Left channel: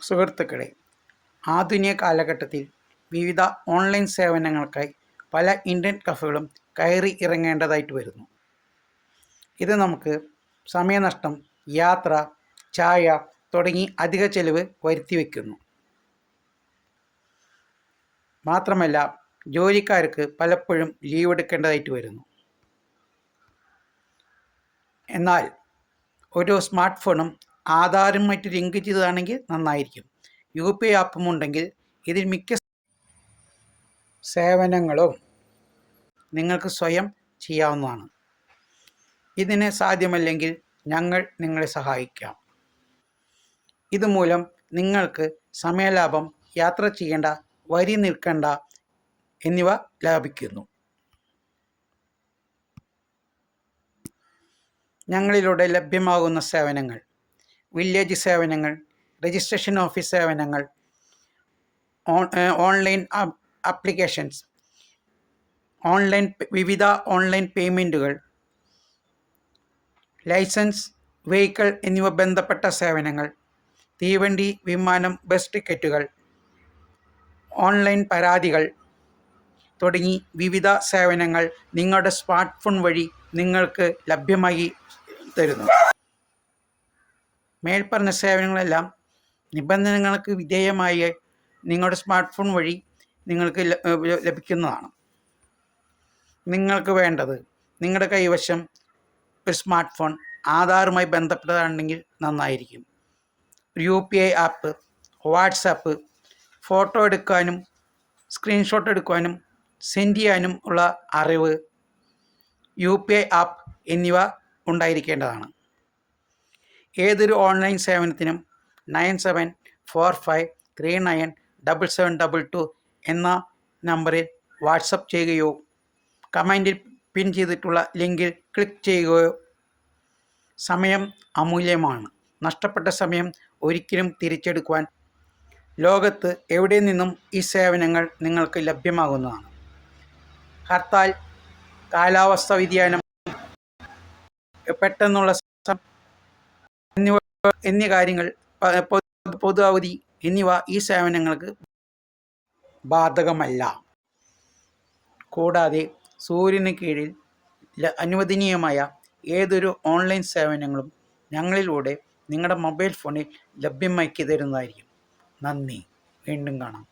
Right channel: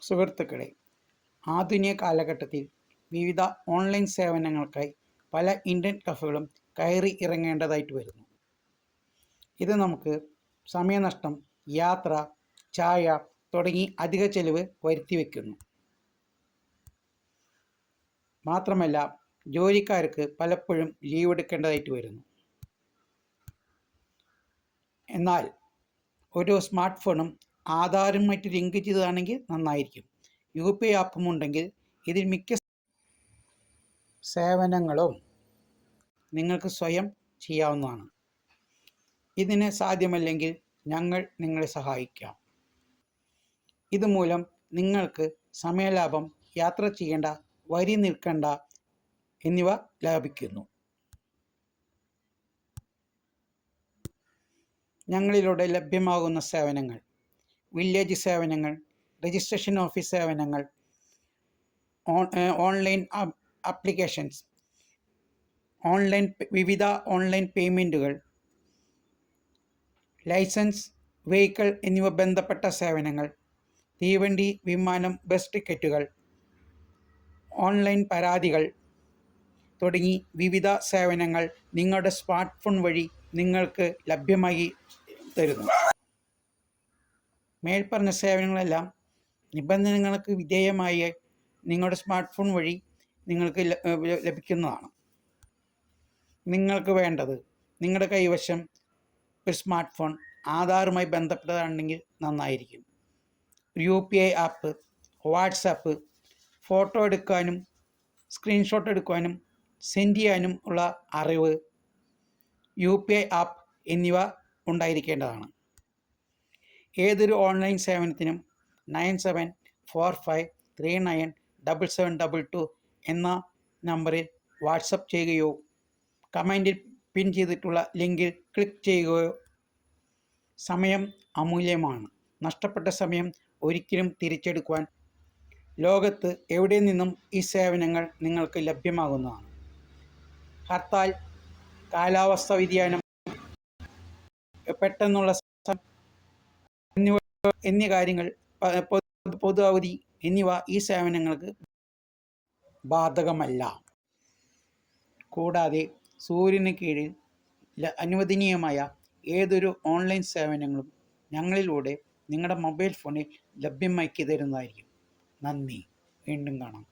സുഹൃത്തുക്കളെ ആധുനിക കാലഘട്ടത്തിൽ വിവിധ ഓൺലൈൻ സേവനങ്ങൾക്കായി പല ഇന്ത്യൻ കഫേകളും കയറി ഇറങ്ങേണ്ടതായിട്ട് വരുന്നു. ഇത് നമുക്ക് സമയനഷ്ടം യാത്ര ചായ തുടങ്ങി അധിക ചെലവ് വരുത്തി വയ്ക്കുന്നു മാത്രമല്ല ജോലിക്കാർക്ക് പലപ്പോഴും ലീവ് എടുക്കേണ്ടതായിട്ട് വരുന്നു. എന്നാൽ ഒരു സ്മാർട്ട് ഫോണും ആധാറുമായിട്ട് ലിങ്ക് ചെയ്തതാണെങ്കിൽ നന്നായിരിക്കും. യു പി ഐ ആപ്പും ഉണ്ടെങ്കിൽ ഇതിൽ മിക്ക സേവനങ്ങളും നിങ്ങൾക്ക് സ്വയം ചെയ്യാവുന്നതാണ്. ഇതിന് സാധ്യമല്ലെങ്കിൽ ഞങ്ങൾ നിങ്ങളെ സഹായിക്കാം. ഇതുമൂലം നിങ്ങൾക്ക് സമയലാഭം യാത്ര ചെയ്യേണ്ട വരി നിൽക്കേണ്ട എന്നിവ ലാഭിക്കുന്നു. ഞങ്ങളിലൂടെ ലഭ്യമാകുന്ന സേവനങ്ങൾ വില്ലേജ് സേവനങ്ങൾ രജിസ്ട്രേഷൻ ഓഫീസ് സേവനങ്ങൾ ഓൺലൈൻ ആപ്- ആപ്ലിക്കേഷൻസ് ഓൺലൈൻ വിവിധ ഓൺലൈൻ പേയ്മെന്റുകൾ ലൈസൻസ് വെഹിക്കിൾ എന്നിവ ബന്ധപ്പെട്ട സേവനങ്ങൾ തീവണ്ടി വിമാനം ബസ് ടിക്കറ്റുകൾ ഓൺലൈൻ പരാതികൾ തുടങ്ങി വിവിധ സേവനങ്ങൾ നിങ്ങളുടെ സ്മാർട്ട് ഫോൺ വഴി നിങ്ങൾക്ക് ലഭ്യമായി തരുന്നു. മേൽപ്പറഞ്ഞ സേവനങ്ങളെല്ലാം നിബന്ധനകൾക്ക് വിധേയമായി നിങ്ങളുടെ സ്മാർട്ട് ഫോൺ വഴി നിങ്ങൾക്ക് ലഭിക്കുന്നതാണ്. നിങ്ങൾക്ക് വേണ്ടത് നിങ്ങളുടെ കൈവശം ഒരു സ്മാർട്ട് ഫോൺ ആധാറുമായി ബന്ധപ്പെട്ടതാണെങ്കിൽ നന്നായിരിക്കും. U P I app WhatsApp photo എടുക്കാനും സ്ക്രീൻഷോട്ട് എടുക്കാനും സെൻഡ് ചെയ്യാനും ഉള്ള അറിവ് യു പി ഐ ആപ്പ് എന്നിവ ഉണ്ടായിരിക്കേണ്ടതാണ്. ഏതൊരു online സേവനത്തിനും nine seven four five three nine double seven double two എന്ന നമ്പറിൽ വാട്സപ്പ് ചെയ്യുകയോ കമന്റിൽ പിൻ ചെയ്തിട്ടുള്ള ലിങ്കിൽ ക്ലിക്ക് ചെയ്യുകയോ സമയം അമൂല്യമാണ്. നഷ്ടപ്പെട്ട സമയം ഒരിക്കലും തിരിച്ചെടുക്കുവാൻ ലോകത്ത് എവിടെ നിന്നും ഈ സേവനങ്ങൾ നിങ്ങൾക്ക് ലഭ്യമാകുന്നതാണ്. ഹർത്താൽ കാലാവസ്ഥ വ്യതിയാനം പെട്ടെന്നുള്ള എന്നീ കാര്യങ്ങൾ പൊതു അവധി എന്നിവ ഈ സേവനങ്ങൾക്ക് ബാധകമല്ല. കൂടാതെ സൂര്യന് കീഴിൽ അനുവദനീയമായ ഏതൊരു ഓൺലൈൻ സേവനങ്ങളും ഞങ്ങളിലൂടെ നിങ്ങളുടെ മൊബൈൽ ഫോണിൽ ലഭ്യമാക്കി തരുന്നതായിരിക്കും. നന്ദി. വീണ്ടും കാണാം.